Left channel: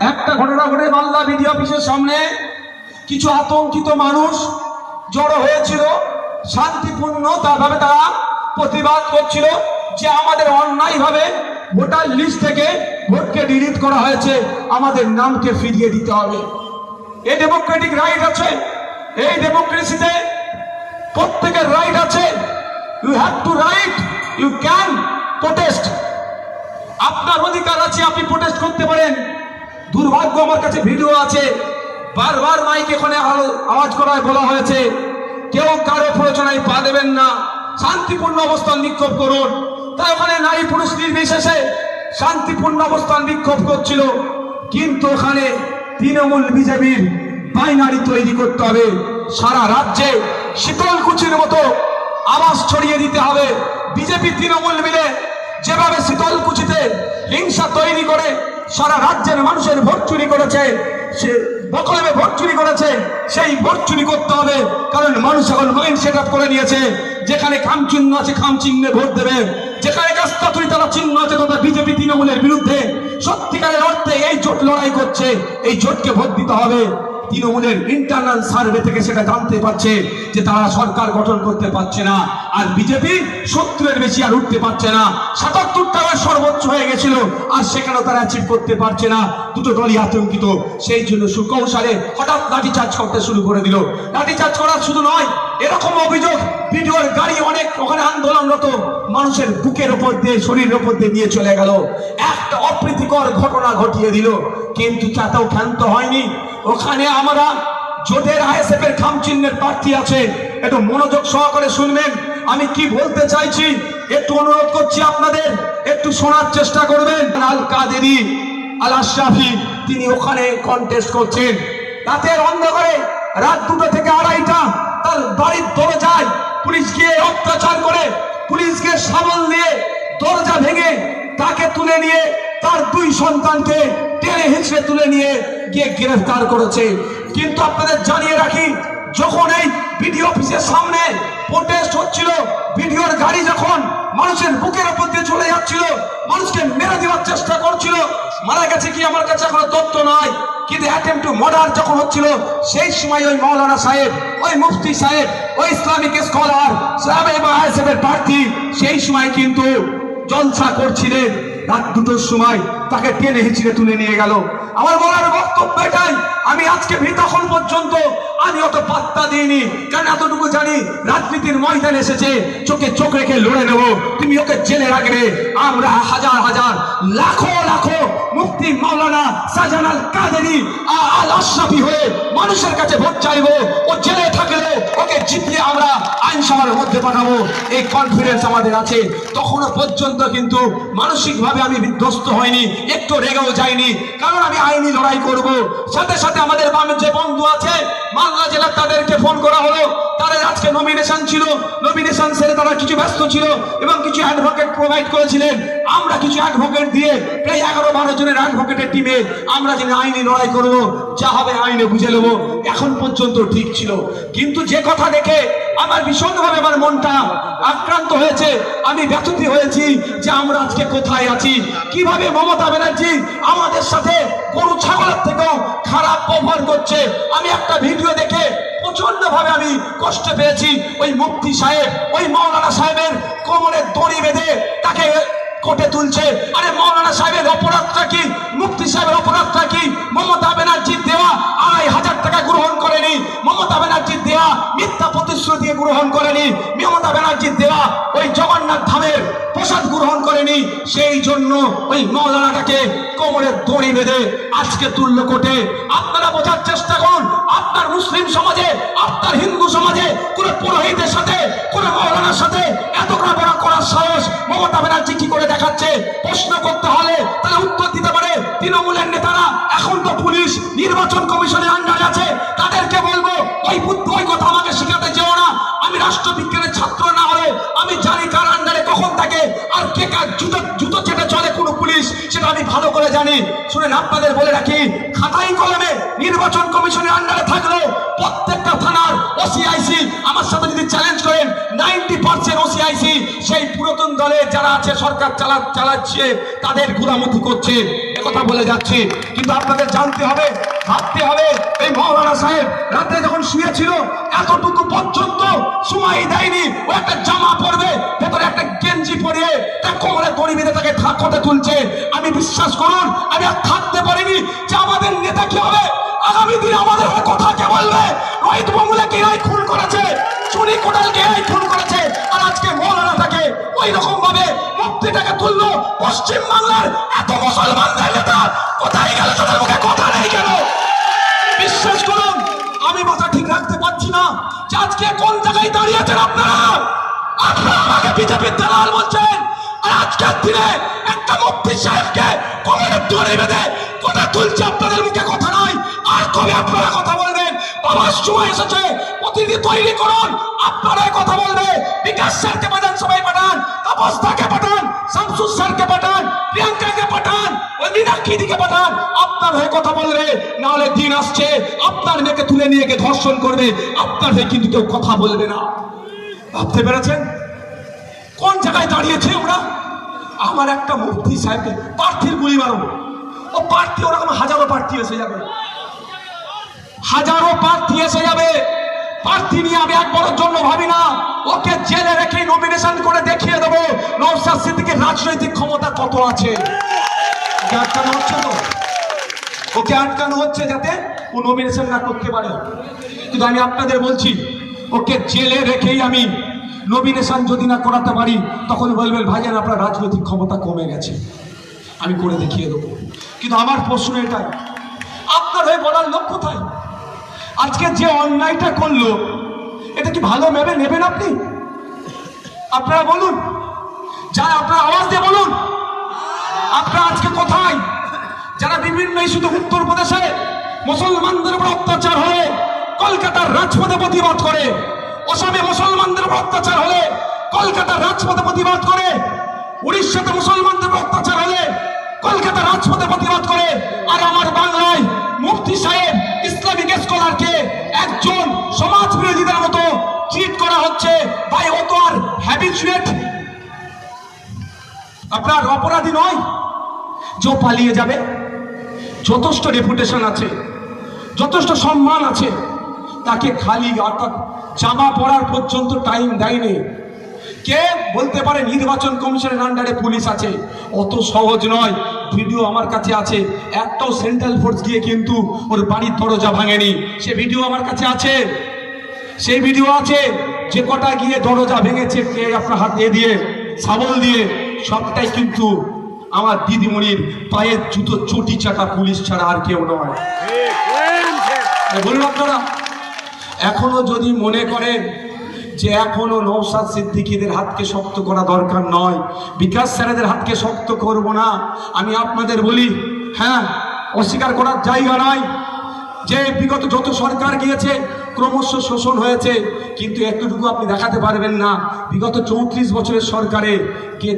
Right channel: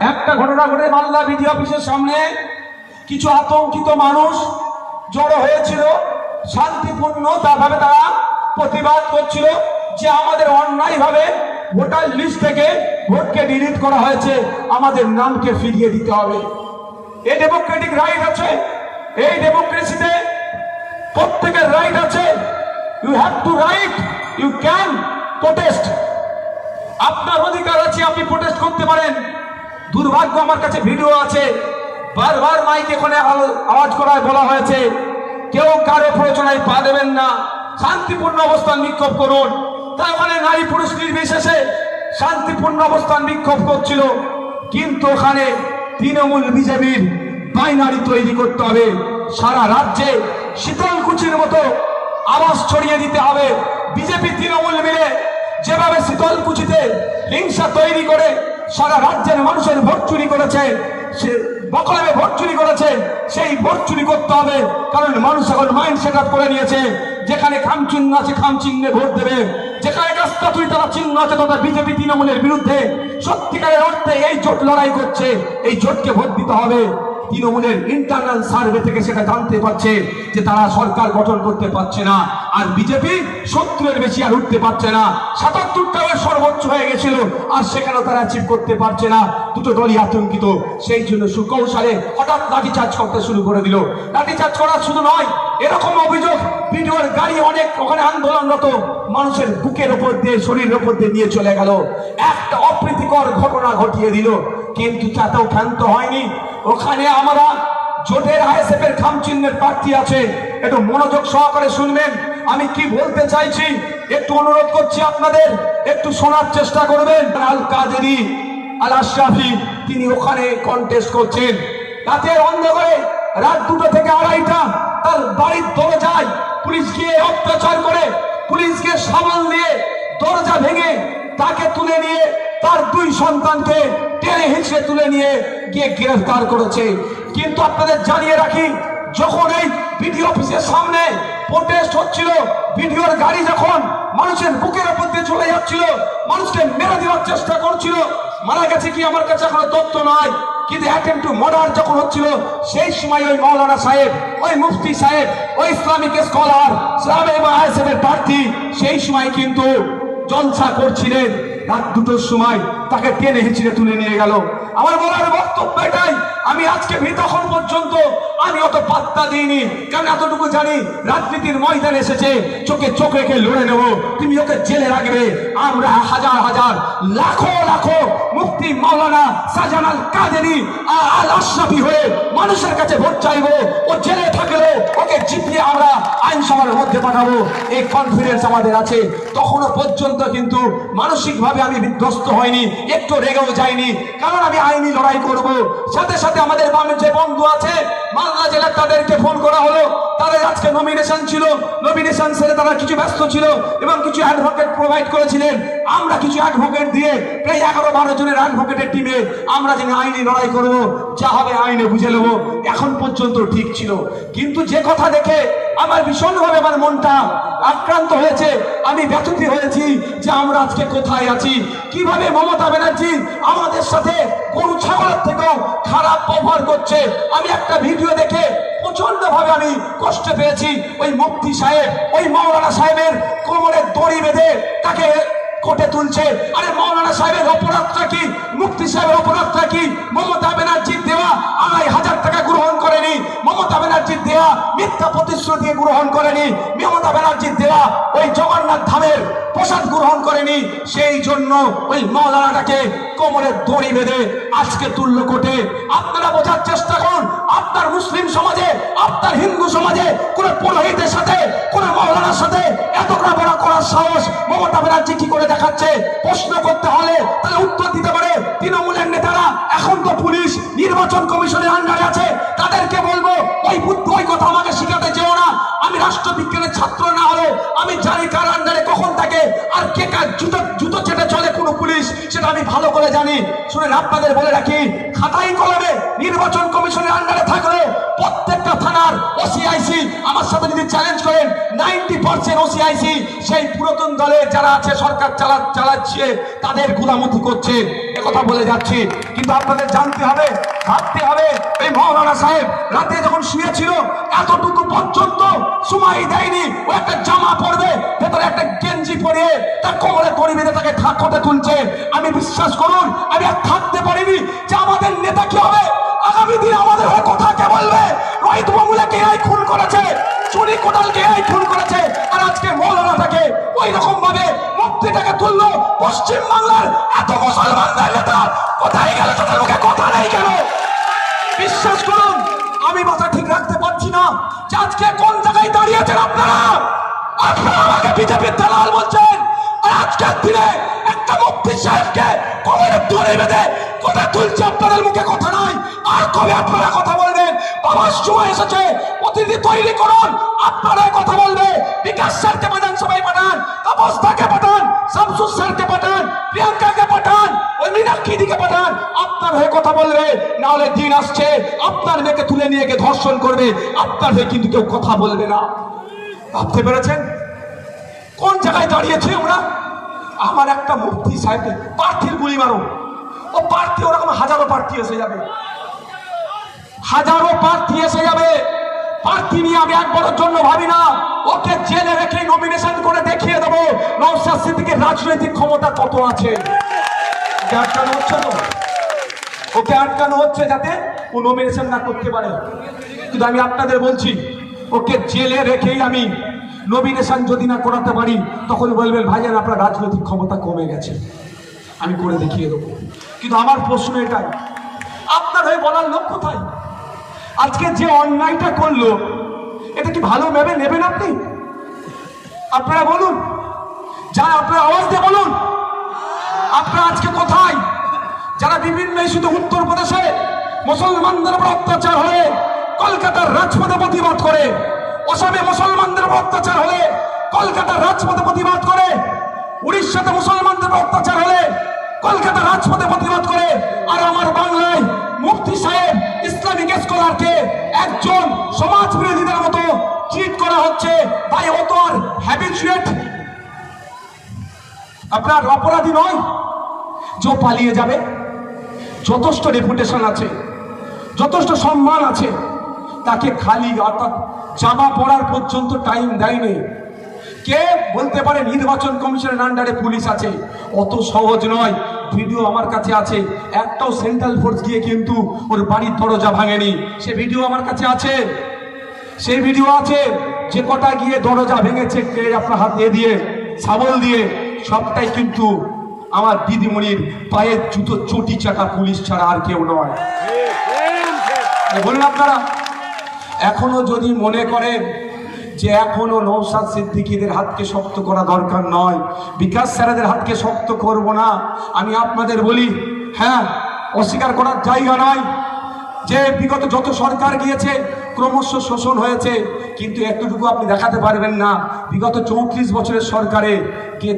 একটা ঘটনা ঘটে মালদা বিডি অফিসের সামনে কিছু আতঙ্কিত মানুষ জড়ো হয়েছিল, শান্তিপূর্ণ ভাবে তারা প্রতিবাদ করছিল যে আমাদের অন্যায়ভাবে ভোটার লিস্ট থেকে ভোটকে ডিলিট করা হয়েছে, আমাদের নামকে ফিরিয়ে দিতে হবে। এই ডেমোক্রেটিক রাইট আছে, এই ডেমোক্রেসিতে প্রত্যেকের রাইট আছে। You have to right, you can protest. আপনার অধিকার আছে, আপনি প্রোটেস্ট করতে পারেন। দুর্ভাগ্য, আমার কাছে ভিডিও আছে, বারবার মাইক এখানে আওয়াজ করায় বলা হয়েছে কেউ কারো প্রয়োজনায় পা দেবেন না, শান্তিপূর্ণ অবস্থান বিক্ষোভ করুন। তাই ওখানে নারী পুরুষ নির্বিশেষে শান্তিপূর্ণ অবস্থান বিক্ষোভ করছিল, কিন্তু ওখানে তৃণমূল বিজেপির বাইনারি তৈরি করতে হবে। সারা রাজ্যে শীতলকুচির মতো আওয়াজ ছড়িয়ে দিতে হবে। বিজেপি তৃণমূল মিলে যেভাবে শীতলকুচিতে হিংসা তৈরি করে সারা রাজ্যের মানুষের ভোট চুরি করেছে, সে বকলমে ভোট চুরি করেছে, সেই ভোট চুরি করতে হবে। কারণ মানুষ এখন মাইন্ড সেট আপ করে নিয়েছে, যেখানে খাম চিহ্ন আছে খাম চিহ্নে ভোট দেবে, যেখানে কাস্তাতুরি তারা চিহ্ন আছে তথা বিজেপি তৃণমূলের বিরুদ্ধে সত্যিকারের অর্থে এই জোট লড়াই করছে, এই জোটকে ভোট দিতে হবে। তৃণমূলের ইন্টারনাল সার্ভে থেকে সেটা জানতে পারছে যে তারা সরকার গঠন করতে পারছে না, আর বিজেপি 70-এর বেশি আর উঠতে পারছে না। 77টার সর্বোচ্চ হয়ে গেছিল, আর সেখানে তারা অ্যাচিভ করতে পারছে না। দুটো দলই আতঙ্কিত, সেই জন্য সুকৌশলে হঠাৎ লাঠিচার্জ করতে শুরু করে দিল। লাঠিচার্জ করা শুধু নয়, এরকম অভিযোগ ভিডিওর গাড়ি অনেক ওখানে আন্দোলনরত মানুষের বুকের ওপর দিয়ে, শরীরের ওপর দিয়ে নিয়ে চলে গেল, একটা অপ্রীতিকর ঘটনা ঘটিয়ে দিল। কিন্তু তাতেও ক্ষান্ত হয়নি। ওখানে আমরা জোটের আইএসএফ এর খাম চিহ্নের প্রার্থী আছে, একটু মনোযোগ সহকারে শুনবেন আমি কি বলতে চাইছি। একটু অনুরোধ করছি আপনাদের, একটু শোনার চেষ্টা করবেন। আল কাদেরি, আল আশরাফি, তিনি ওখানে কন্টেস্ট করছেন। রাতের অন্ধকারে রাত 2টা থেকে 2:30টা তার বাড়ির দরজায় পুলিশ গিয়ে অত্যাচার করে, পুলিশকে সাবল দিয়ে দরজা ভেঙে তাকে তুলে নিয়ে তার 2 সন্তানকে টেনে হিঁচড়ে তুলে নিয়ে গিয়ে গ্রেফতার করেছে। কিন্তু আপনাদের জানিয়ে রাখি, যখন এই বিডি অফিসের সামনে প্রোটেস্ট হচ্ছিল, বিডিওর গাড়ি যখন মানুষের বুকের উপর দিয়ে চলে যাচ্ছিল, মানুষকে মেরে দেওয়ার চেষ্টা করছিল, মারা গেছে কি আমার কাছে এখনো তথ্য নাই, কিন্তু অ্যাটেম্প টু মার্ডার যখন হচ্ছিল, সেই সময় ওই মাওলানা সাহেব, ওই মুফতি সাহেব, ওই ইসলামিক স্কলার সাহেব এবং আইএসএফ এর প্রার্থী সেই সময় কিন্তু জলসা করছিলেন। রাত 2টোর সময় তাকে টেনে হিঁচড়ে তুলে নিয়ে গেল। আমার বলার বক্তব্য এটাই, আমি আজকে তখন পর্যন্ত আমি অত পাত্তা দিইনি, কারণ এতটুকু জানি রাজনীতির ময়দান এসেছে, চোখে চোখ রেখে লড়ে নেব, তুমি ওকে জেলে রাখবে। আমরা হাজার হাজার লাখো লাখো মুফতি মাওলানা শাহজাহান আল কাদেরি আল আশরাফি হয়ে মানুষের কাছে ভোট চাইবো। ও জেলে থাকলে ওকে জিতিয়ে আমরা আইনসভার মধ্যে পাঠাবো, এই কনফিডেন্স আমাদের আছে। তখনও পর্যন্ত কিন্তু মানসিকভাবে আমি বিধ্বস্ত হয়নি, একটু রেগেও যাইনি, কারণ আমি আইনি লড়াই করব। সাথে সাথে আমাদের বামের যে বন্ধু আছে মালদা জেলার, তাদেরকে ফোন করা হলো, তাদের আজকে নমিনেশন ছিল, নমিনেশন সেরে তারা কিছু ব্যস্ত ছিল এবং কিছু অ্যাডভোকেট প্রোভাইড করেছিলেন। আমরা কিছু অ্যাডভোকেট দিয়ে প্রায় 11-12 জনের অ্যাডভোকেটের টিমে আমরা যেন আইনি লড়াই করব, যা হবে আইনে বুঝে নেব। এখন পর্যন্ত ঠিক ছিল, কিন্তু যে কথা দেখে আমার ভীষণভাবে আমার মনটা আক্রান্ত হয়েছে, আমি ব্যথিত হয়েছি যে আমরা আজকে কোথায় আছি, কিভাবে মমতা ব্যানার্জি আমাদের সাথে গরু ছাগলের থেকেও খারাপ ব্যবহার করছে। আমি একটা ভিডিও দেখে প্রচন্ড ভাবে আমি কষ্ট পেয়েছি। ওই মুফতি সাহেব, ওই মাওলানা সাহেবের কোমরে দড়ি বেঁধে তাকে কোর্টে তুলছে। আরে মাওলানা সাহেবের অপরাধটা কি, মুফতি সাহেবের অপরাধটা কি? মমতা ব্যানার্জির দেওয়া 2,500 টাকা গ্রহণ করেনি, মমতা ব্যানার্জির দেওয়া মিথ্যা প্রতিশ্রুতি দিয়ে গ্রহণ করেনি, মমতা ব্যানার্জির দেওয়া ওই জগন্নাথ ধামের প্রসাদ গ্রহণ করেনি। সেই জন্য ওই মাওলানাটাকে কোমরে দড়ি বেঁধে আজকে তুললো কোর্টে। আপনারা বোঝার চেষ্টা করুন, আপনার মুসলিম সমাজে, আপনার হিন্দু সমাজে কোন পুরোহিতের সাথে, কোন মাওলানার সাথে এতটা বড় করার সাহস মমতা ব্যানার্জি কি করে দেখাচ্ছে? প্রশ্ন করতে হলে তাহলে উত্তর দিতে পারে তৃণমূলের নেতারা। এখন তো পুলিশ নির্বাচন কমিশনের আন্ডারে আছে, তাদেরকে বলবো ওই বুদ্ধ ওই কথা আমাকে শিখাতে যেও না। আমি রাষ্ট্রবিজ্ঞানের ছাত্র না হলে আমি জানি কার আন্ডারে কখন থাকে আর কে কার জুতো চেটে চলে কোন পুলিশ, সেটা আমি ভালো করে জানি। শুনে আপনাদের বলে রাখি, খাতাই কলমে নির্বাচন কমিশনের আন্ডারে থাকলে প্রত্যেকটা থানার ওসিআইসি আমার সাথে যদি চ্যালেঞ্জ করেন 90% ওসিআইসি সেই পুরাতন দলের যারা আছে, সরকার চালাচ্ছে, তাদের গুলামতি করছে। কথা বলে যাচ্ছি, কিন্তু আপনাদের জানতে হবে, ভাবতে হবে, এই মৌলানা সাহেব রাতে যখন শুয়েছিল এতটুকু পর্যন্ত সময় দেয়নি। ও একটা জামা পরবে, ভেতরে একটা গেঞ্জি পরে তার কোমরে দড়ি বেঁধে তাকে থাকতে তুলছে। আমি বিশ্বাস করুন, আমি আর থাকতে পারিনি যে আমাদের নেতা কি হবে, আগামী দিন আমাদের হয়ে কথা কে বলবে। রোহিত বাবুলাকে এই খুন করেছে, চুরি কোটালকে এই খুন করেছে, আর আজকে মৌলানাটাকে ওই রকম ভাবে মুক্তিটাকে তুললো। পশ্চিম বাংলার এত মুসলমানদের নেতা কোথায় গেল? তাদের মুখে কথা নেই কেন? বিশ্বাস করুন, আমি মাথা ঠিক রাখতে পারছি না যে আজকে কোন জায়গায় দাঁড়িয়েছেন আপনারা। আপনারা আমাকে বিজেপির দালাল বলছেন, আর আজকের দিনে একটা মুফতি সাহেবকে কোমরে দড়ি বেঁধে কথা তুলছে, আপনাদের মুখে কথা নাই। আর কবে আপনারা কথা বলবেন? বাবার সময় এসেছে, প্রতিনিধি তৈরি করুন, আপনারাই কথা বলবে। বিকাশ স্যারকে পাঠান, সবাই পাঠান, তাপসদাকে পাঠান, শামসুর স্যারকে পাঠান, প্রিয়াঙ্কাকে পাঠান, ওই মীনাক্ষীদিকে পাঠান, আপনার হয়ে কথা বলবে। না হলে দিন আসছে আপনার মেয়েকে তুলে নিয়ে গিয়ে ধর্ষণ করবে, আপনার হয়ে কিন্তু কেউ কথা বলবে না। ভাবতে পেরেছেন কোন জায়গায় দাঁড়িয়েছে ওরা? আমার একটা মুফতি সাহেব প্রার্থীর গুলি মারো, ও প্রার্থী ওরকম হাজারো প্রার্থী এসে যাবে, হাজারো প্রার্থী এসে যাবে। প্রার্থী নিয়ে আমি একবারের জন্য ভাবি না। ওকে জেলে রেখে নমিনেশন করে দেখিয়ে দেবো নওশাদ সিদ্দিকীর রাজনৈতিক ক্ষমতা কত আছে। আটকানো হচ্ছে তো, ওকে আটকানো হচ্ছে যাতে ও নমিনেশন না করতে পারে। কিন্তু আমি আপনাদের বলছি, ওকে জেলে রেখেই আমি নমিনেশন যদি না করাতে পারি, তখন বলবেন ভাইজান আপনার রাজনৈতিক ক্ষমতা কমে গেছে, আমি করে দেখিয়ে দেবো। কিন্তু আমার প্রশ্ন এটাই, আপনার হয়ে বলার লোক কোথায়? আজকে যে অন্যায়টা করলো, এটা কি ভালো ভেবে নেবেন আপনি? আপনারা বলুন, যারা আপনারা আওয়াজ দিয়ে বলুন, আপনারা আজকে কোথায়? যারা বিভিন্ন ইস্যুতে উত্তরপ্রদেশে মুসলমানদের উপর অত্যাচার হলে কলকাতার রাজপথে প্রতিবাদ করে, অসমে মুসলমানদের উপর অত্যাচার হলে কলকাতার রাজপথে প্রতিবাদ করে, উড়িষ্যাতে মুসলমানদের উপর অত্যাচার হলে কলকাতার রাজপথে প্রতিবাদ করে, আর আমার বাংলায় মুফতি সাহেব ইসলামিক স্কলারকে একজন সমাজ বিরোধীদের মতো ট্রিট করা হচ্ছে। ভাই ও তো আর হ্যাবিচুয়েট, আপনার অপরাধী নয় যে পালিয়ে যাবে। যথেষ্ট রেপুটেশন আছে, যথেষ্ট সম্মান আছে, তাকে খালি জামা পরার পর্যন্ত টাইম দেয়নি। কে বলতে পারে নির্বাচন কমিশনের আন্ডারে পুলিশ আছে? অত সহজ নয়। ভিডিও আমার কাছে আছে, একটাও সেন্ট্রাল ফোর্স গিয়ে কিন্তু ওর বাড়ির দরজা ভাঙেনি। সে ভিডিও আমার কাছে আছে, সেই ভিডিও আছে যে কটা গিয়ে দরজা ভেঙেছে, কে আপনার হাত দিয়ে শাবল দিয়ে, সবটাই কিন্তু আমার দিদিমণির পায়ের জুতো চটি চাটা পুলিশ ছাড়া আর কেউ নয়। বলুন আপনারা, এখনো যদি মনে করেন যে এখনো নওশাদ সিদ্দিকীদের হাতকে শক্ত করা দরকার নয়, বিকাশ স্যারেদের হাতকে শক্ত করব না, আমি আপনাদের বলি, হ্যাঁ অস্বীকার করার জায়গা নয় যে বিগত যত সরকার গিয়েছে ক্রমশ শোষণ হয়েছে, কিন্তু এতটুকু আপনি দেখাতে পারবেন না বিগত 34 বছরের সরকারে কে